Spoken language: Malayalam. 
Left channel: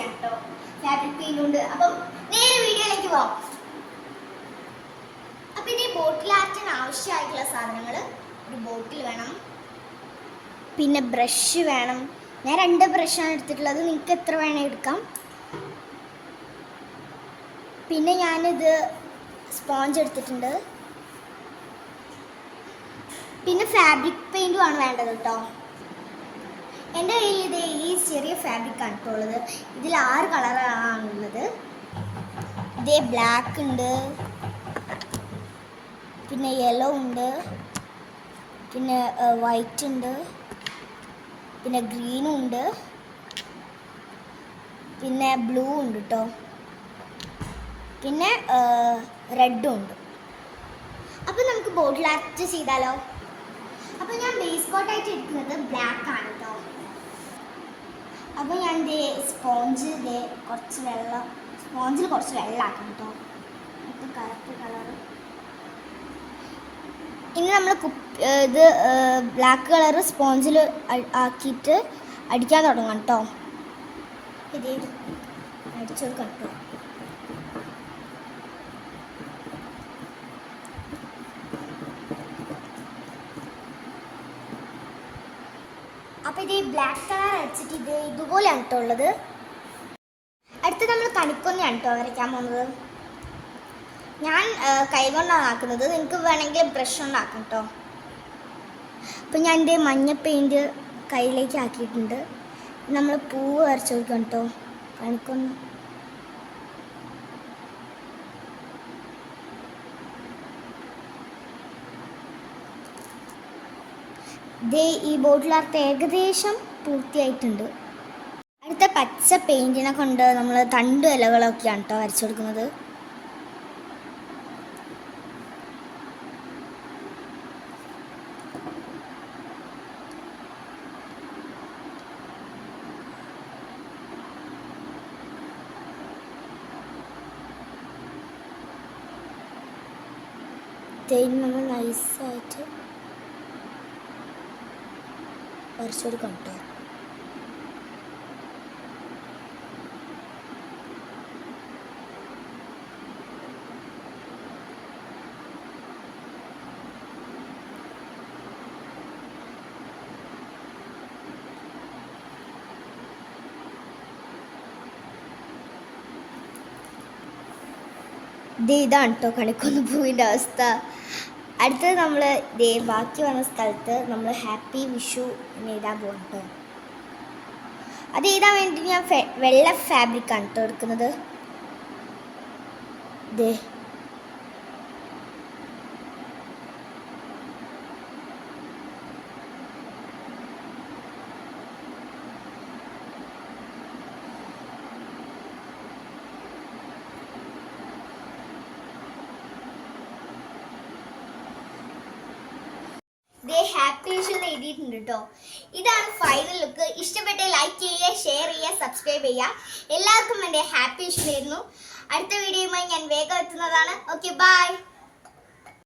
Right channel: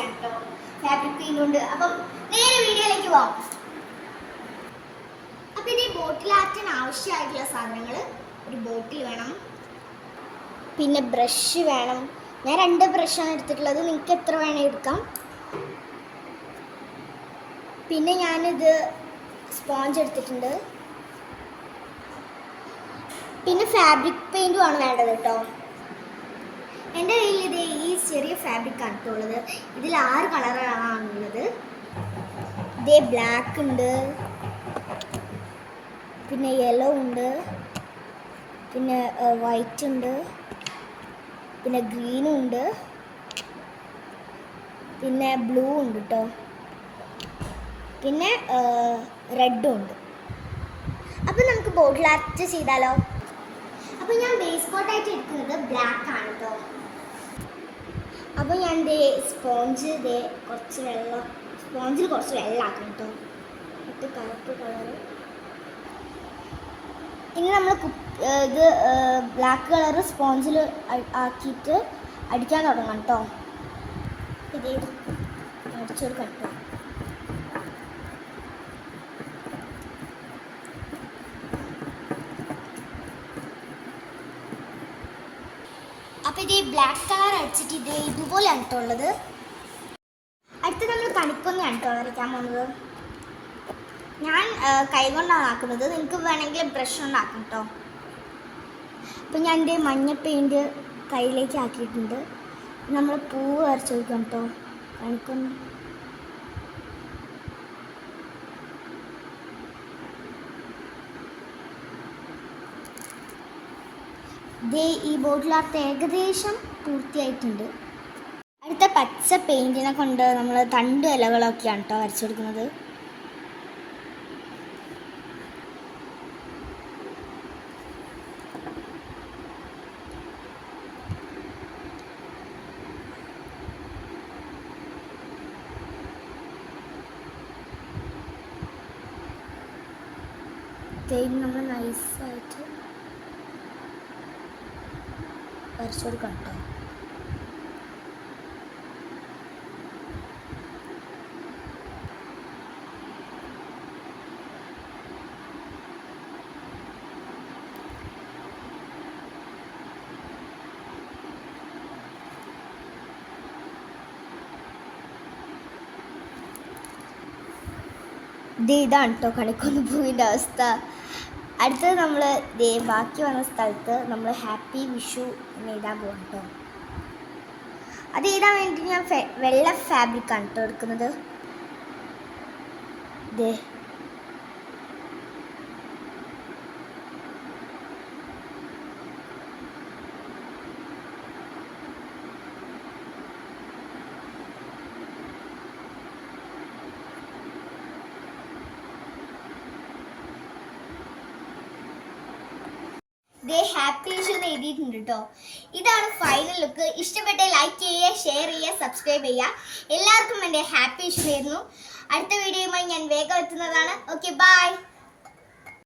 ചെയ്യാം കേട്ടോ. ഫാബ്രിക് പെയിന്റ് ഉണ്ട്. അപ്പം നേരെ വീഡിയോയിലേക്ക് പോവാം. അപ്പം ഇനി ബോട്ടിൽ ആർട്ടിന് ആവശ്യമായിട്ടുള്ള സാധനങ്ങൾ, ഒരു ബോട്ടിൽ വേണം, പിന്നെ ബ്രഷ് വേണം. ഞാൻ 2 ബ്രഷാണ് എടുത്തിട്ടുള്ളത്, നിങ്ങൾക്ക് എത്ര വേണേൽ എടുക്കാം. പിന്നെ ഞാനിത് സ്പോഞ്ച് എടുത്തിട്ടുണ്ട്. പിന്നെ ഫാബ്രിക് പെയിൻറ്റുമാണ് വേണ്ടത് കേട്ടോ. എൻ്റെ കയ്യിൽ ഇത് ഈ ചെറിയ ഫാബ്രിക് ആണ് കേട്ടോ ഉള്ളത്. ഇതിൽ 6 കളറാണുള്ളത്. ഇതേ ബ്ലാക്ക് ഉണ്ട്, പിന്നെ യെല്ലോ ഉണ്ട്, പിന്നെ വൈറ്റ് ഉണ്ട്, പിന്നെ ഗ്രീനും ഉണ്ട്, പിന്നെ ബ്ലൂ ഉണ്ട് കേട്ടോ, പിന്നെ റെഡും ഉണ്ട്. അപ്പം നമുക്ക് ബോട്ടിൽ ആർട്ട് ചെയ്താലോ? അപ്പം ഞാൻ ബേസ് കോട്ടായിട്ട് എടുക്കുന്നത് ബ്ലാക്ക് ആണ് കേട്ടോ. അപ്പോൾ ഞാൻ സ്പോഞ്ചിൽ കുറച്ച് വെള്ളമാക്കാം കേട്ടോ. ഇത് കറുപ്പ് കളറ്. ഇനി നമ്മൾ ഇത് ബ്ലാക്ക് കളറ് സ്പോഞ്ചിൽ ആക്കിയിട്ട് അടിക്കാൻ തുടങ്ങാം കേട്ടോ. ഇത് അടിച്ചെടുക്കാം കേട്ടോ. അപ്പോൾ ഇത് ബ്ലാക്ക് കളർ അടിച്ചിട്ട് ഇതുപോലെയാണ് കേട്ടോ ഉള്ളത്. അടുത്ത് നമ്മൾ കണിക്കൊന്നയാണ് കേട്ടോ വരയ്ക്കാൻ പോകുന്നത്. ഞാൻ കൈ കൊണ്ടാണ് ആക്കുന്നത്, നിങ്ങൾക്ക് വേണമെങ്കിൽ ബ്രഷ് കൊണ്ടാക്കാം കേട്ടോ. അപ്പം ഞാൻ എൻ്റെ മഞ്ഞ പെയിൻറ്റ് കയ്യിലേക്ക് ആക്കിയിട്ടുണ്ട്. നമ്മൾ പൂവ് വരച്ച് കൊടുക്കാം കേട്ടോ. കണിക്കൊന്ന ഈ ബോട്ടിൽ ആർട്ട് ഏകദേശം പൂർത്തിയായിട്ടുണ്ട്. അടുത്ത പച്ച പെയിൻറ്റിനെ കൊണ്ട് നമ്മൾ തണ്ട് ഇലകളൊക്കെയാണ് കേട്ടോ വരച്ചു കൊടുക്കുന്നത്. നമ്മൾ നൈസായിട്ട് വരച്ചു കൊടുക്കാം കേട്ടോ. ഇതാണ് കേട്ടോ കണിക്കൊന്ന പൂവിൻ്റെ അവസ്ഥ. അടുത്തത് നമ്മൾ ബാക്കി വന്ന സ്ഥലത്ത് നമ്മൾ ഹാപ്പി വിഷു എന്ന് എഴുതാൻ പോകാം കേട്ടോ. അത് എഴുതാൻ വേണ്ടി ഞാൻ വെള്ള ഫാബ്രിക്കാണ് കേട്ടോ എടുക്കുന്നത്. ഹാപ്പി വിഷു എന്ന് എഴുതിയിട്ടുണ്ട് കേട്ടോ. ഇതാണ് ഫൈനൽ ലുക്ക്. ഇഷ്ടപ്പെട്ട ലൈക്ക് ചെയ്യുക, ഷെയർ ചെയ്യുക, സബ്സ്ക്രൈബ് ചെയ്യുക. എല്ലാവർക്കും എൻ്റെ ഹാപ്പി വിഷു ആയിരുന്നു. അടുത്ത വീഡിയോയുമായി ഞാൻ വേഗം എത്തുന്നതാണ്. Okay, by.